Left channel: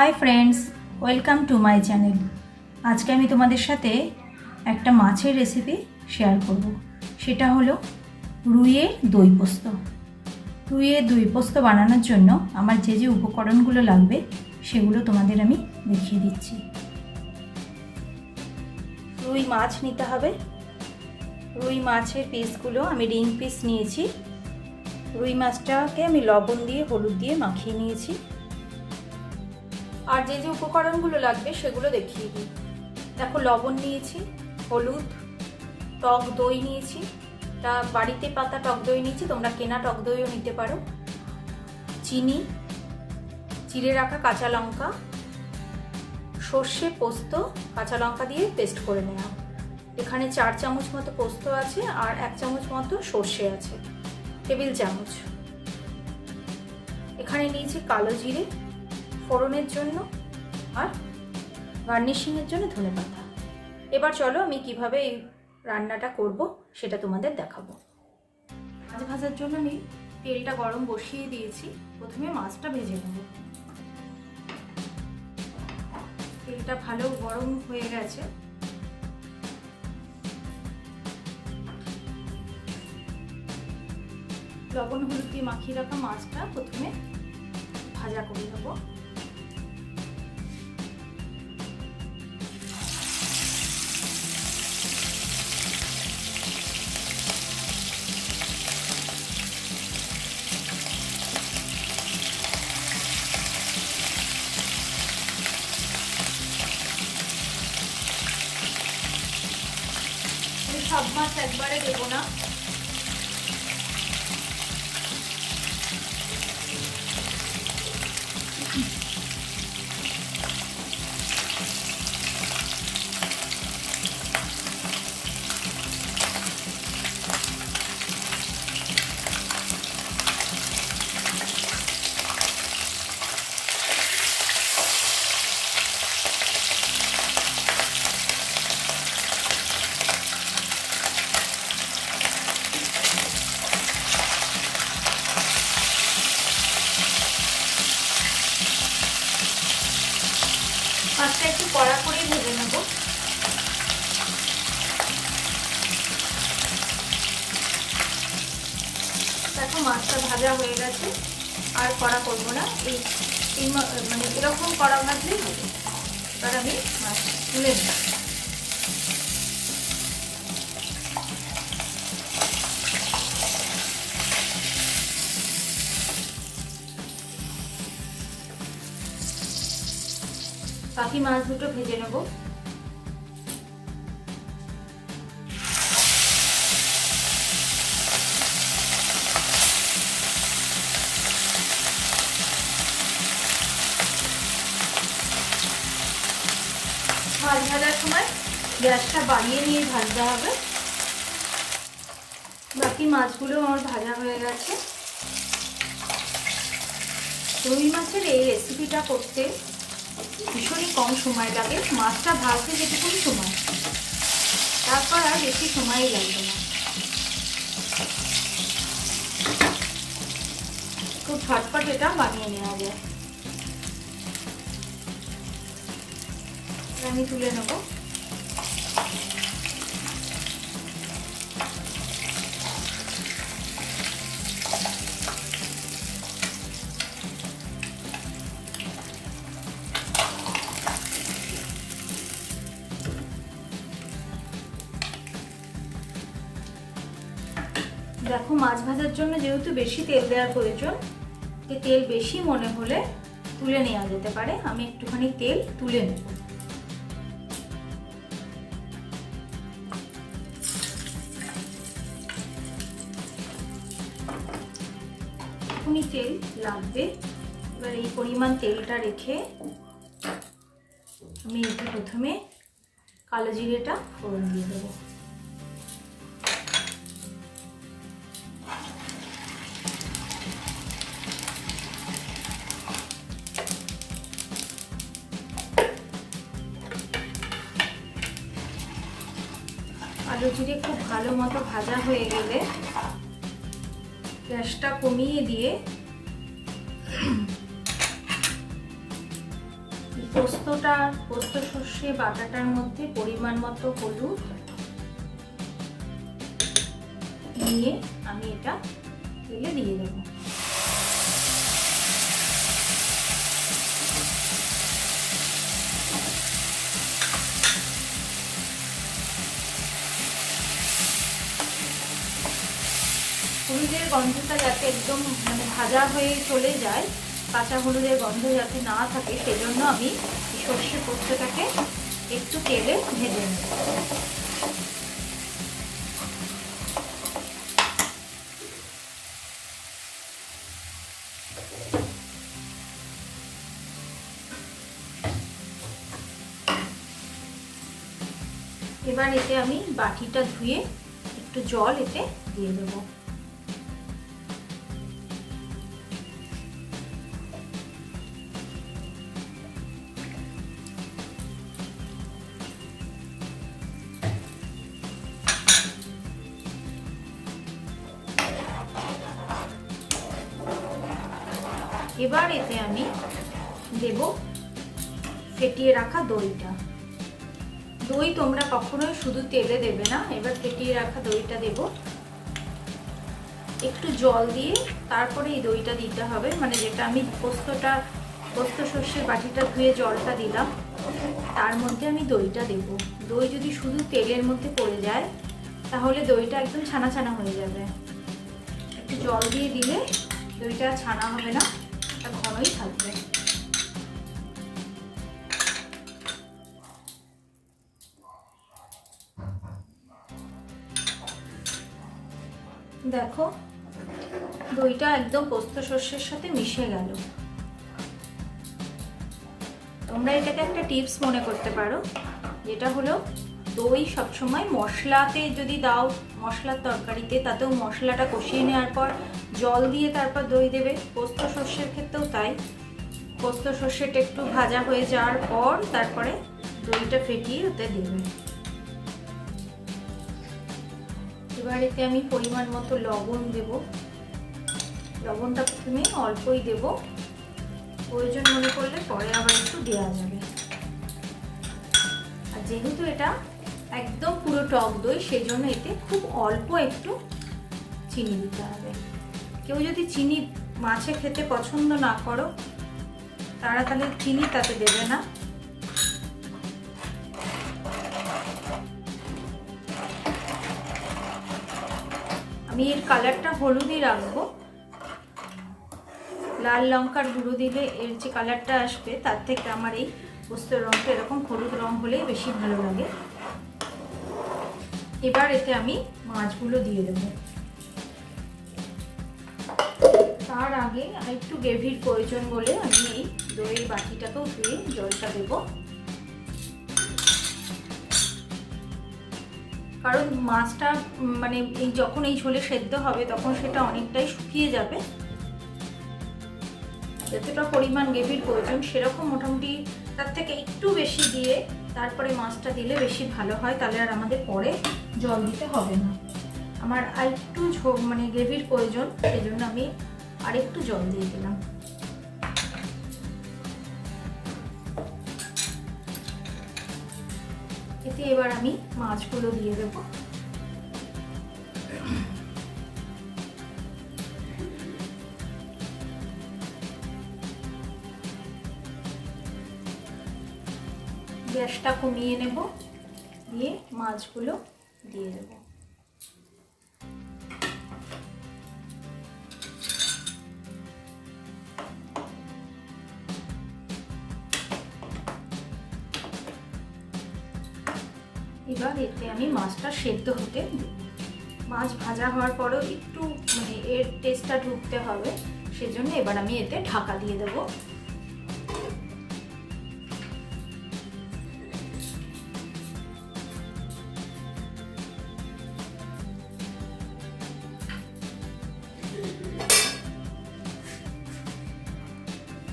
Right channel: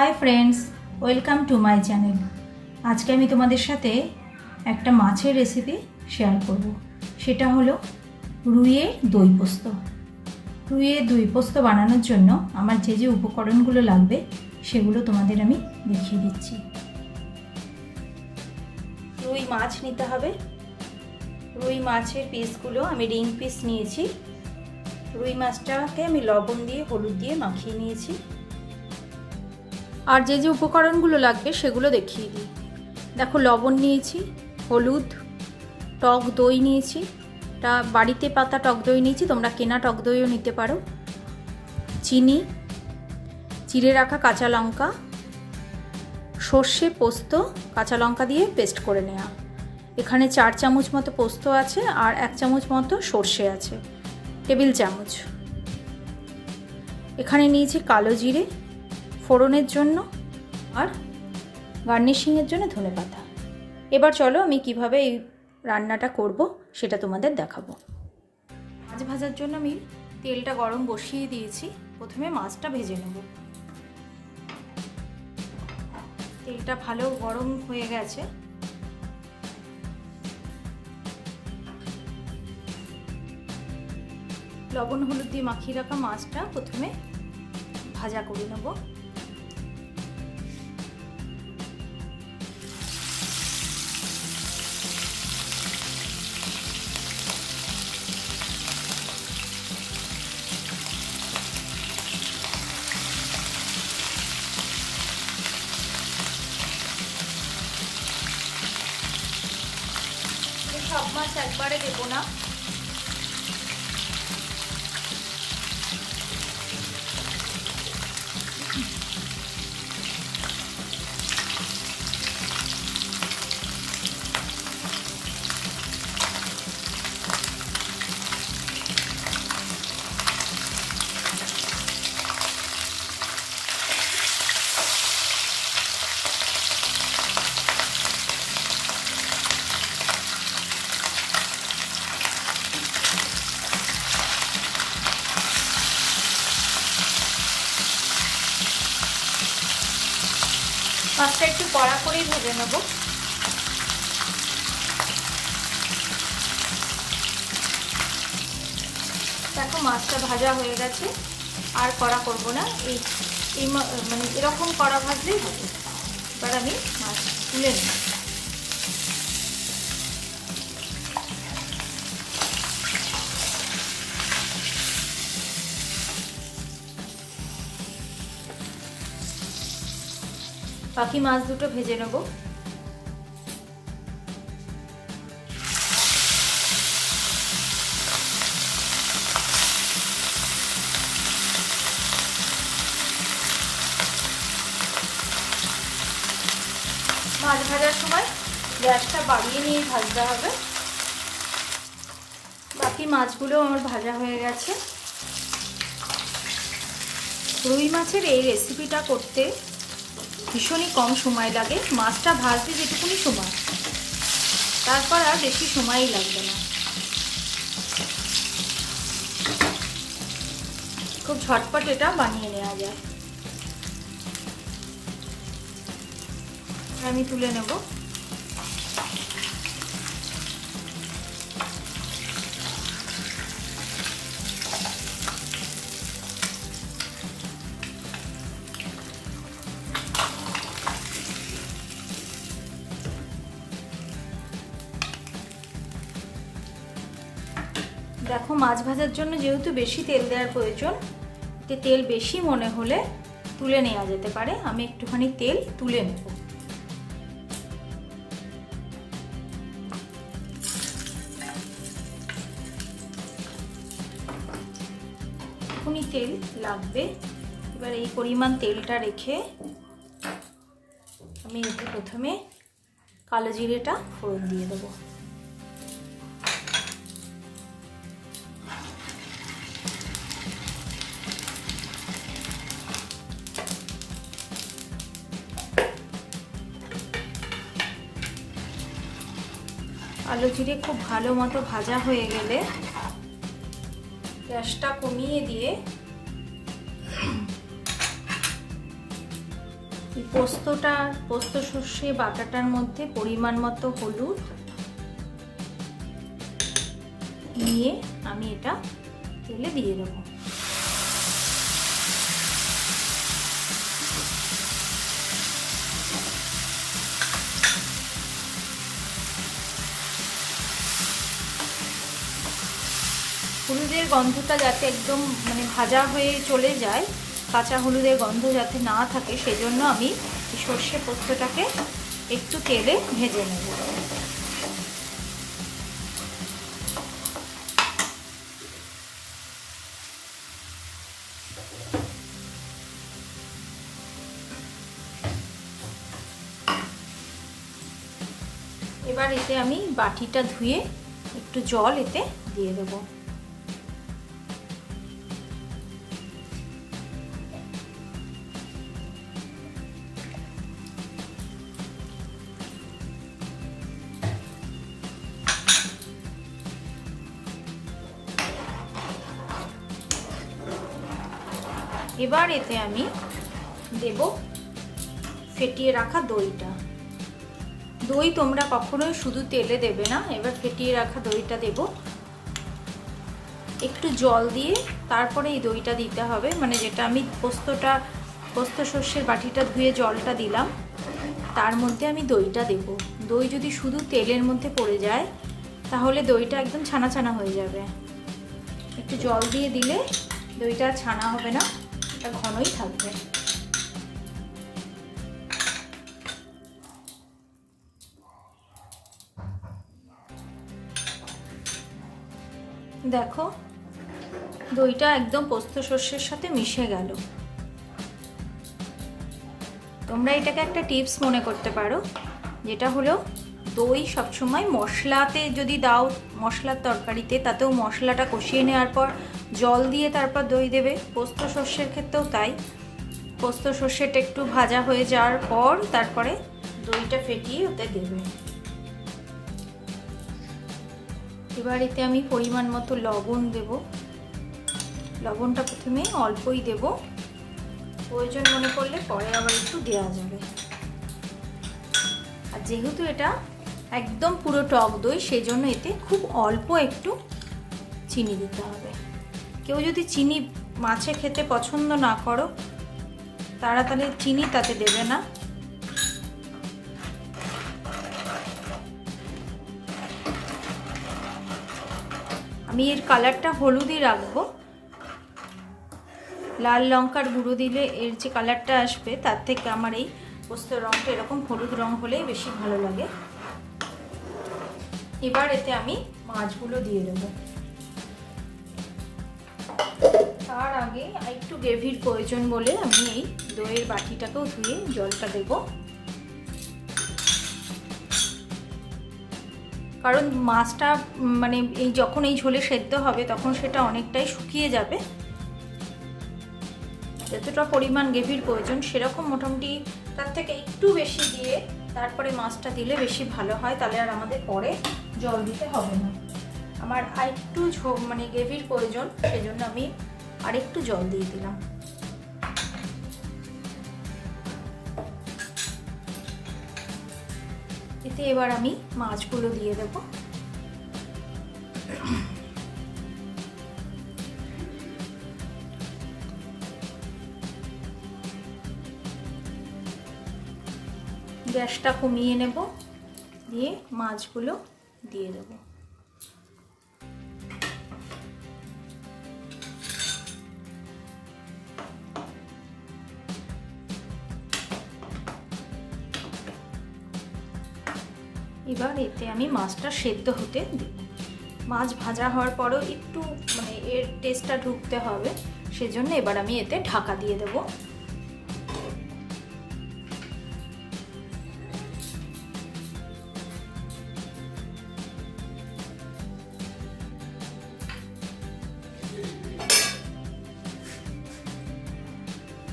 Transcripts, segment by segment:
Hi friends, welcome to my channel. আজকে আমি তোমাদের সাথে একটা মাছের রেসিপি শেয়ার করব। সেটা হলো রুইয়ের দই পোস্ত। রুইয়ের দই পোস্ত বানানোর জন্য আমার যে যে উপকরণগুলো লাগবে সেগুলো তোমাদের আমি দেখিয়ে দিচ্ছি। রুই মাছ নিতে হবে। রুই মাছের পিসগুলো আমি রিং পিস নিয়েছি। রুই মাছটাকে আমি লবণ দিয়ে হলুদ দিয়ে মাখিয়ে নিয়েছি। আর যে যে উপকরণগুলো লাগবে সেগুলো দেখিয়ে দিই। দেখো, লবণ নিয়েছি, হলুদ, টক দই নিয়েছি, তা বাড়িতে পাতা টক দই নিয়েছি, তোমরা কেনা টক দইও নিতে পারো, চিনি, চিড়ে রাখা কাঁচা লঙ্কা, সর্ষে পোস্ত কাঁচা লঙ্কা দিয়ে পেস্ট করে নেওয়া। এখানে 4 চামচ মতো পোস্ত আছে আর 1 চামচ মতো সর্ষে আছে, টেবিল চামচ। এখানে নিয়েছি কালো জিরে ফোড়নের জন্য আর গার্নিশিংয়ের জন্য ধনেপাতা। এবার চলো আমি কিভাবে এই রান্নাটা করব সেটা তোমাদের দেখাবো। মাছ ভাজার জন্য আমি তেলটা গরম বসিয়ে দিয়েছি। প্রথমে মাছটা ভেজে নেব। তেলটা ভালো গরম হয়ে গেছে। লবণ হলুদ দিয়ে মাখিয়ে রাখা মাছটা প্রথমে ভাজা করে নেব। সব মাছ একবারে দেবো না, মাছটা একটু কড়া করেই ভেজে নেব। দেখো, মাছটা ভাজা হয়ে গেছে, আর কড়া করবো না। মানে এরকম কড়া ভাজলেই হবে। এবার আমি মাছটা তুলে নেব। বাকি মাছ দুটো ভেজে নেব। মাছ ভাজার সময় গ্যাসটা বাড়িয়ে নিয়ে ভাজতে হবে। বাকি মাছগুলো আমার ভাজা হয়ে গেছে। রুই মাছের এই রেসিপিটা করতে ভীষণই কম সময় লাগে। মাছটা ভাজতে যেটুকুনি সময়, তারপর আর বেশি সময়ই লাগবে না। খুব ঝটপট এটা বানিয়ে নেওয়া যায়। আমি তুলে নেব। দেখো, মাছ ভাজার জন্য যেহেতু বেশি তেল দেওয়ার প্রয়োজন, তেল বেশি মনে হলে তুলে নেওয়া যেতে পারে। আমি একটুখানি তেল তুলে নেব। এখনই তেল লাগবে। এবার এই পরিমাণ তেলটা রেখে আমি এতে প্রথমে কালো জিরেটা ফোড়ন দিয়ে দেবো। কালো জিরে খুব ভালো মতো ভাজা হয়ে গেলে গ্যাসটা কমিয়ে দিয়ে পোস্ত সর্ষে বাটাটার মধ্যে পরিমাণ মতো হলুদ নিয়ে আমি এটা তেলে দিয়ে দেবো। হলুদের গন্ধটা যাতে একদম মানে ভাজা হয়ে চলে যায়, কাঁচা হলুদের গন্ধ যাতে না থাকে, সেই জন্য আমি সর্ষে পোস্তটাকে একটু তেলে ভেজে নেব। এবার এতে আমি বাটিটা ধুয়ে একটু জল এতে দিয়ে দেবো। এবার এতে আমি দেব ফেটিয়ে রাখা দইটা। দই তোমরা কখনোই শুধু তেলে দেবে না, এবার ফেটিয়ে রাখা দইটা দেব। একটু জল দিয়ে তারপরে এই দইটা দিতে হবে, মানে যেটা আমি পোস্ত সর্ষের বাটিটা ধুয়ে জলটা দিলাম তার মধ্যে আমি দইটা দেব। দই যদি শুধু তেলের মধ্যে পড়ে যায় তাহলে দইটা একদম ছানা ছানা হয়ে যাবে। একটু জল দিয়ে দিলে দইটা ছানা হবে না, এটা ঘনই থাকবে। দেখো দইটা একদম পোস্ত সর্ষের সাথে মিশে গেল। তোমরা এটাকে একটা টিপস মনে করতে পারো, যেটা হলো দই সবসময় মশলাতে যদি দাও, মশলার তরকারিতে, তাতেও মশলাটা কষিয়ে নেওয়ার পর জল দিয়ে তারপর দই দেবে। পোস্ত সর্ষের ক্ষেত্রেও তাই, পোস্ত সর্ষেটা একটু ভাজা হয়ে যাওয়ার পর তারপরে দইটা ফেটিয়ে ওতে দেবে। এবার এতে আমি পরিমাণ মতো লবণ দেব। লবণটা প্রথমে অল্পই দেব, প্রয়োজন মনে করলে পরে আবার একটু দেওয়া যাবে। আর যেহেতু এটা একদম পুরো টক দই, সেই জন্য এতে খুব অল্প একটু চিনি দিতে হবে। কেউ যদি চিনি মাছে খেতে পছন্দ না করো তারা তাহলে চিনি তাতে দেবে না। আমি এর কালারটা হলুদই রাখবো, লাল লঙ্কার গুঁড়ো দিলে এর যে কালারটা আসবে তার থেকে আমার এই পোস্তের রঙটা এরকম হলুদ রঙ হলেই বেশি ভালো লাগে। এবার এতে আমি মাছগুলো দিয়ে দেব। তার আগে একটু গ্রেভির প্রয়োজন বলে আমি এই দইয়ের বাটিটাকেও ধুয়ে জলটা দেব, কারণ মাছটা মানে যখন এই ঝোলে সেদ্ধ হবে তখন সেটা অনেকটাই শুকিয়ে যাবে। যতটা পরিমাণ গ্রেভির প্রয়োজন সেরকম মোটামুটি তার থেকে একটু বেশি দিয়ে তারপরে মাছটা দিলে বেশি ভালো হয়, তাহলে আর আমাদের পরে জল দিতে হবে না। আমার আরেকটু মানে গ্রেভির প্রয়োজন, সেই জন্য আমি আরেকটু জল দিয়ে দিলাম। এতে এবার আমি মাছগুলো দিয়ে দেবো। গ্যাসটা কমিয়ে নেব, দিয়ে মাছগুলো দিয়ে দেব। এবার এতে আমি মাছটা সেদ্ধ হতে দেব। মাছ ভাজা হওয়ার পরও একটু মানে এর টেস্টটা ঢুকতে হবে, সেজন্য এবার আমি এতে ঢাকা দিয়ে দেবো।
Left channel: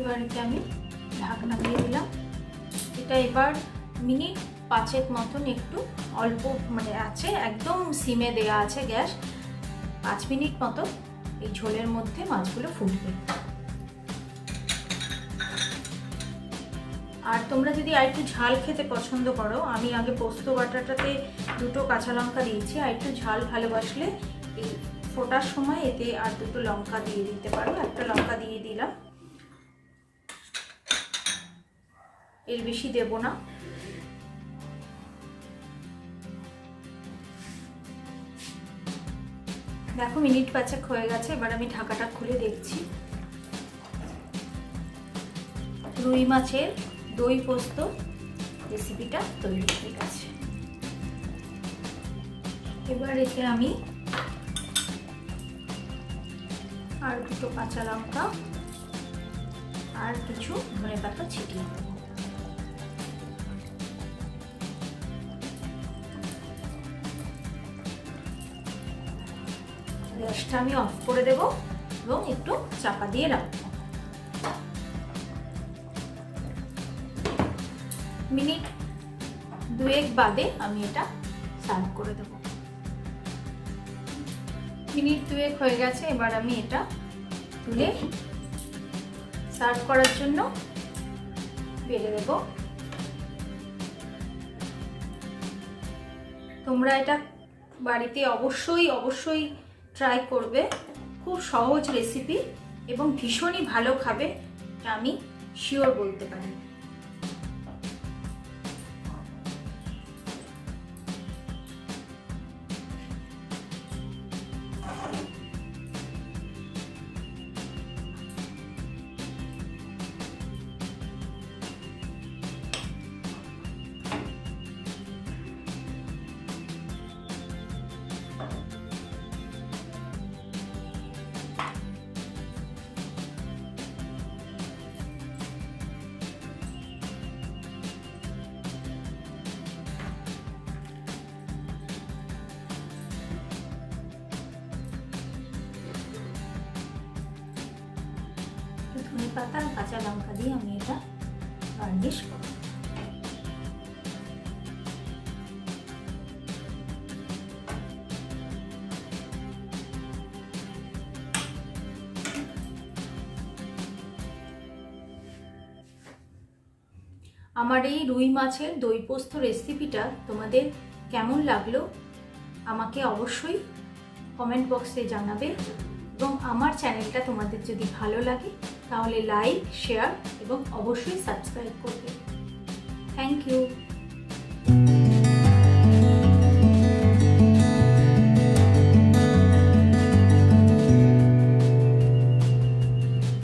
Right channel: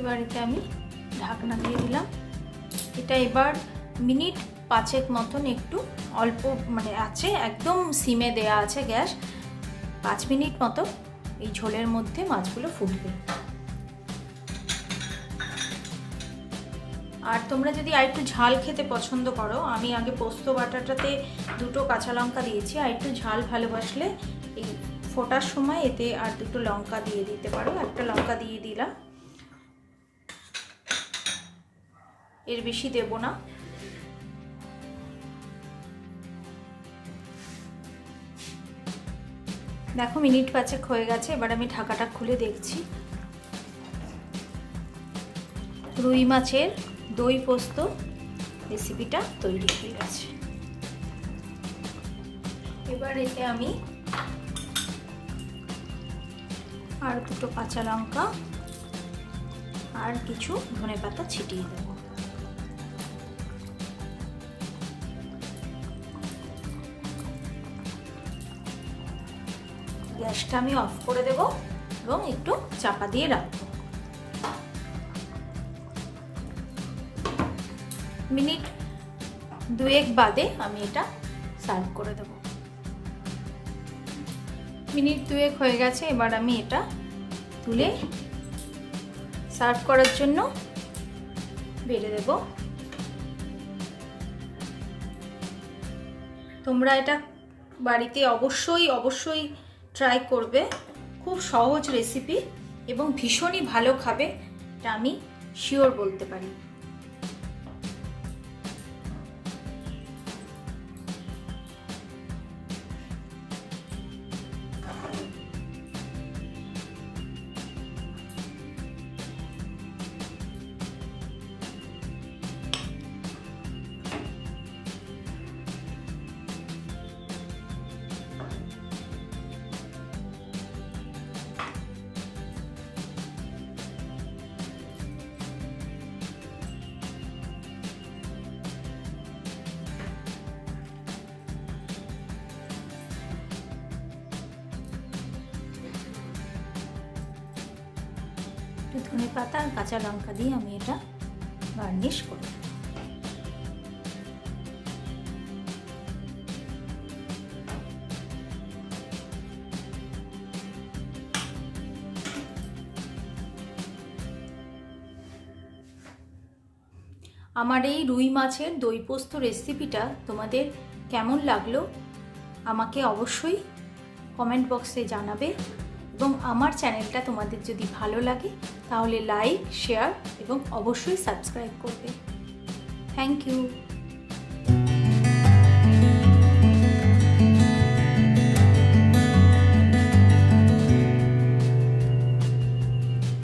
এবার এতে আমি ঢাকনা দিয়ে দিলাম। এটা এবার মিনিট 5 মতন একটু অল্প মানে আছে, একদম সিমে দেয়া আছে গ্যাস, 5 মিনিট মতো এই ঝোলের মধ্যে মাছগুলো ফুটবে। আর তোমরা তোমরা যদি আর একটু ঝাল খেতে পছন্দ করো, আমি আগে পোস্ত বাটাটাতে 2টো কাঁচা লঙ্কা দিয়েছি, আর একটু ঝাল ভালোবাসলে এই ফোটার সময় এতে আর 2টো লঙ্কা দিয়ে দিতে পারো। একটা লঙ্কা দিয়ে দিলাম, এর বেশি দেব না। দেখো মিনিট 5 হয়ে গেছে, এবার আমি ঢাকাটা খুলে দেখছি। রুই মাছের দই পোস্ত রেসিপিটা তৈরি হয়ে গেছে। এবার এতে আমি আর 2টো কাঁচা লঙ্কা আর কিছু ধনেপাতা ছিটিয়ে দেব। গ্যাসটা আমি অফ করে দেব এবং একটু চাপা দিয়ে রাখবো। মিনিট 2 বাদে আমি এটা সার্ভ করে দেব। মিনিট 2 হয়ে গেছে, এবার আমি এটা তুলে সার্ভ করার জন্য বেড়ে দেব। তোমরা এটা বাড়িতে অবশ্যই ট্রাই করবে। খুব সহজ রেসিপি এবং ভীষণই ভালো খাবে, এটা আমি শিওর বলতে পারি। ধনেপাতা আর কাঁচা লঙ্কা দিয়ে আমি এটা গার্নিশ করব। আমার এই রুই মাছের দই পোস্ত রেসিপিটা তোমাদের কেমন লাগলো আমাকে অবশ্যই কমেন্ট বক্সে জানাবে, এবং আমার চ্যানেলটা তোমাদের যদি ভালো লাগে তাহলে লাইক, শেয়ার এবং অবশ্যই সাবস্ক্রাইব করবে। Thank you.